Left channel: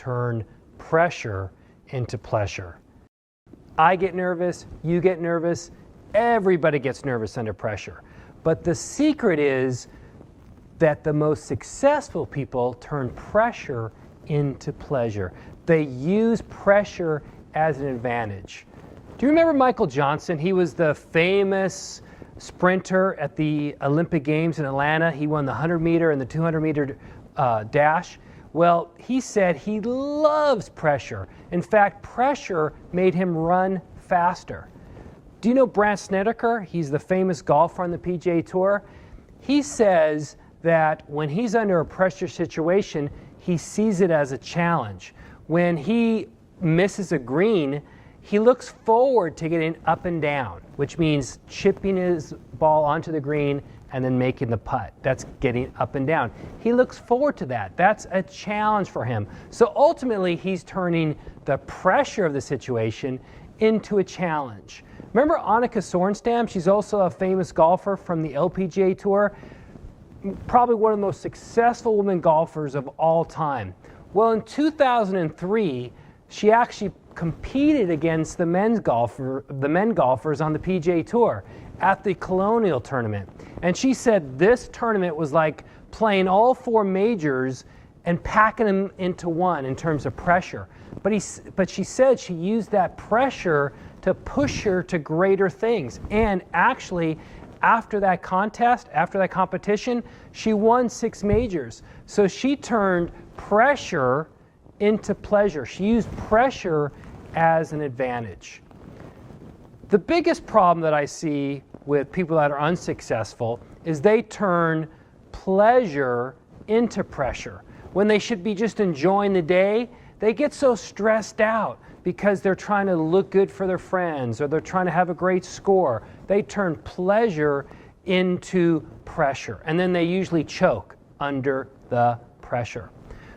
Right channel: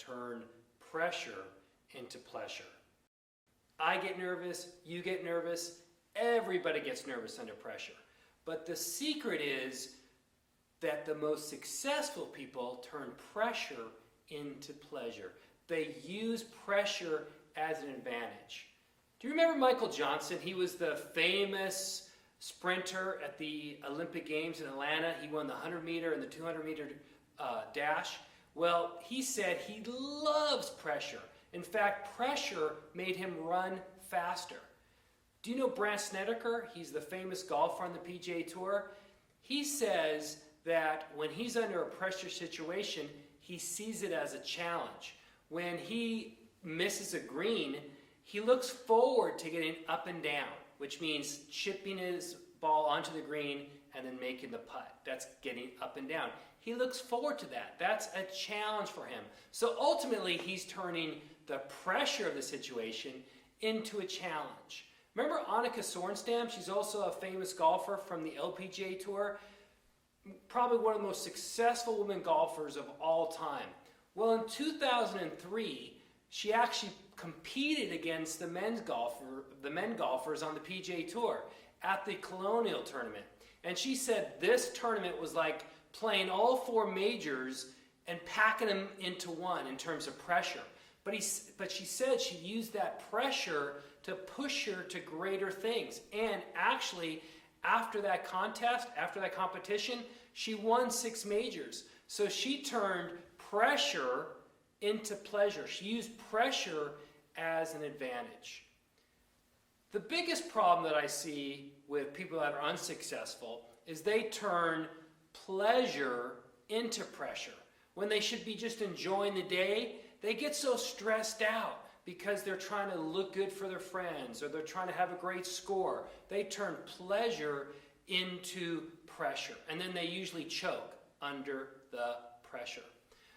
turn pressure into pleasure. I get nervous, you get nervous, everybody gets nervous under pressure. But the secret is that the most successful people turn pressure into pleasure. They use pressure as an advantage. Do you remember Michael Johnson? He was the famous sprinter at the Olympic Games in Atlanta. He won the 100-meter and the 200-meter dash. Well, he said he loves pressure. In fact, pressure made him run faster. Do you know Brandt Snedeker? He's the famous golfer on the PGA Tour. He says that when he's under a pressure situation, he sees it as a challenge. When he misses a green, he looks forward to getting up and down, which means chipping his ball onto the green and then making the putt. That's getting up and down. He looks forward to that. That's a challenge for him. So ultimately, he's turning the pressure of the situation into a challenge. Remember Annika Sorenstam? She's also a famous golfer from the LPGA Tour. Probably one of the most successful women golfers of all time. Well, in 2003, she actually competed against the men golfers on the PGA Tour at the Colonial Tournament. And she said this tournament was like playing all four majors and packing them into one in terms of pressure. But she said she used that pressure to push her to greater things. And actually, after that contest, after that competition, she won 6 majors. So she turned pressure into pleasure. She used pressure as an advantage. The biggest problem that I see with people that are unsuccessful is they turn pleasure into pressure. When they should be just enjoying the day, they get so stressed out because they're trying to look good for their friends or they're trying to have a great score. They turn pleasure into pressure, and then they usually choke under the pressure.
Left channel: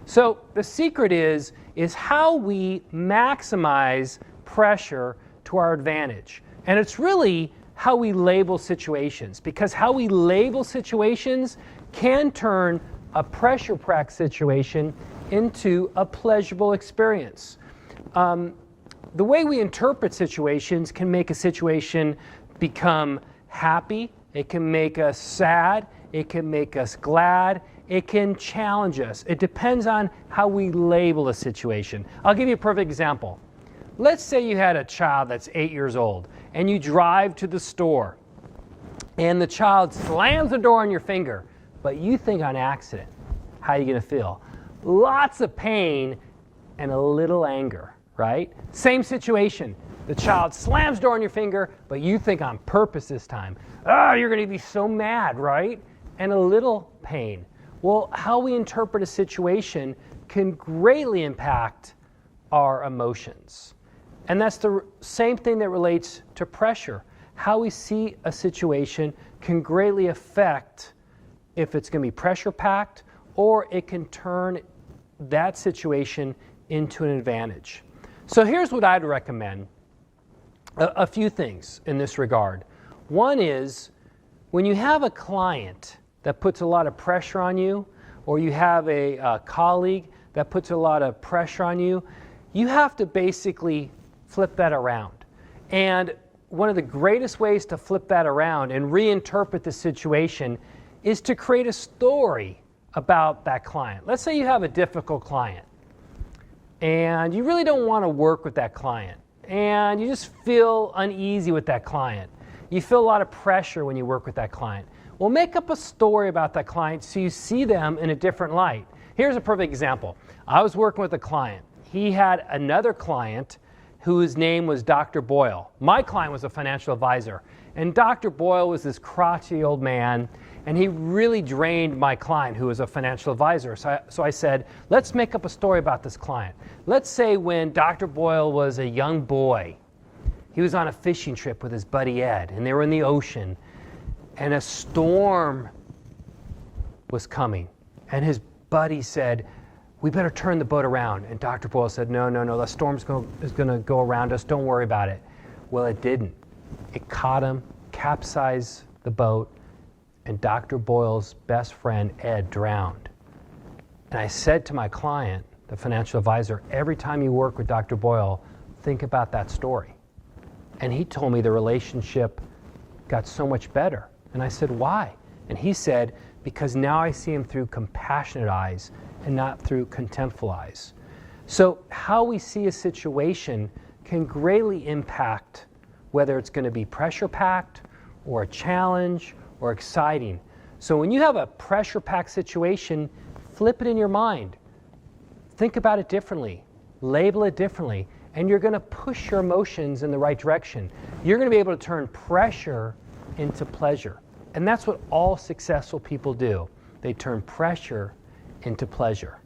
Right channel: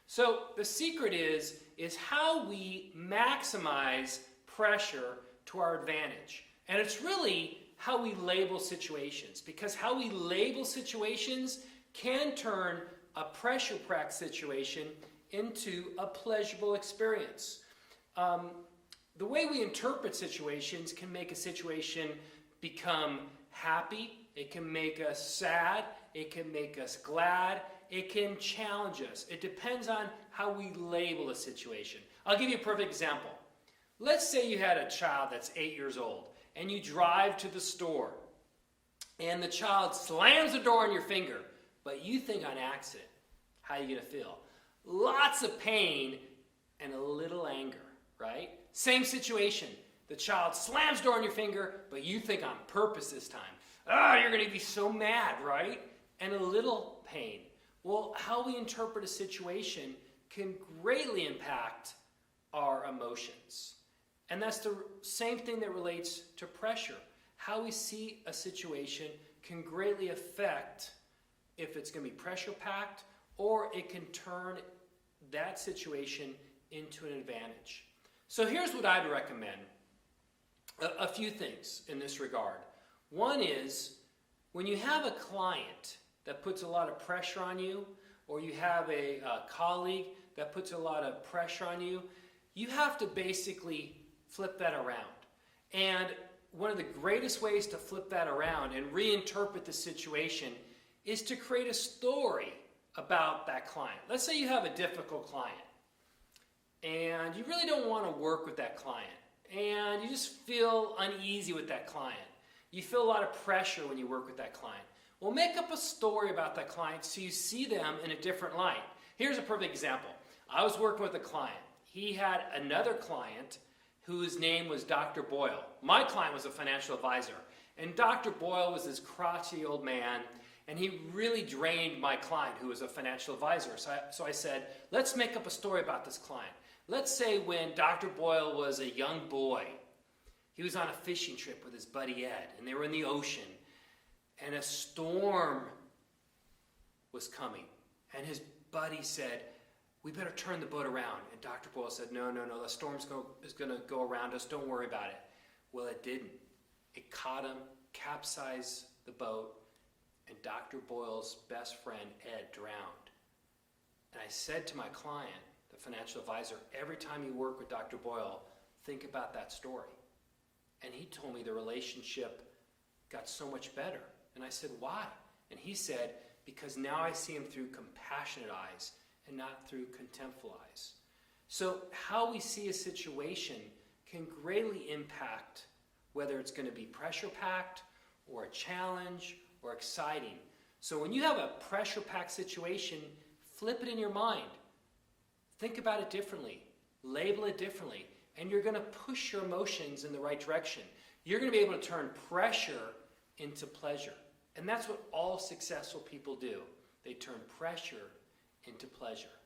So the secret is how we maximize pressure to our advantage. And it's really how we label situations, because how we label situations can turn a pressure-packed situation into a pleasurable experience. The way we interpret situations can make a situation become happy, it can make us sad, it can make us glad, it can challenge us. It depends on how we label a situation. I'll give you a perfect example. Let's say you had a child that's 8 years old and you drive to the store and the child slams the door on your finger, but you think on accident. How are you going to feel? Lots of pain and a little anger, right? Same situation. The child slams the door on your finger, but you think on purpose this time. Oh, you're going to be so mad, right? And a little pain. Well, how we interpret a situation can greatly impact our emotions. And that's the same thing that relates to pressure. How we see a situation can greatly affect if it's going to be pressure-packed, or it can turn that situation into an advantage. So here's what I'd recommend. A few things in this regard. One is, when you have a client that puts a lot of pressure on you, or you have a colleague that puts a lot of pressure on you, you have to basically flip that around. And one of the greatest ways to flip that around and reinterpret the situation is to create a story about that client. Let's say you have a difficult client and you really don't want to work with that client and you just feel uneasy with that client. You feel a lot of pressure when you work with that client. Well, make up a story about that client so you see them in a different light. Here's a perfect example. I was working with a client. He had another client whose name was Dr. Boyle. My client was a financial advisor, and Dr. Boyle was this crotchety old man, and he really drained my client, who was a financial advisor. So I said, let's make up a story about this client. Let's say when Dr. Boyle was a young boy, he was on a fishing trip with his buddy Ed, and they were in the ocean, and a storm was coming. And his buddy said, we better turn the boat around. And Dr. Boyle said, no, the storm's is going to go around us. Don't worry about it. Well, it didn't. It caught him, capsized the boat, and Dr. Boyle's best friend, Ed, drowned. And I said to my client, the financial advisor, every time you work with Dr. Boyle, think about that story. And he told me the relationship got so much better. And I said, why? And he said, because now I see him through compassionate eyes and not through contemptful eyes. So how we see a situation can greatly impact whether it's going to be pressure-packed or a challenge or exciting. So when you have a pressure-packed situation, flip it in your mind. Think about it differently. Label it differently. And you're going to push your emotions in the right direction. You're going to be able to turn pressure into pleasure. And that's what all successful people do. They turn pressure into pleasure.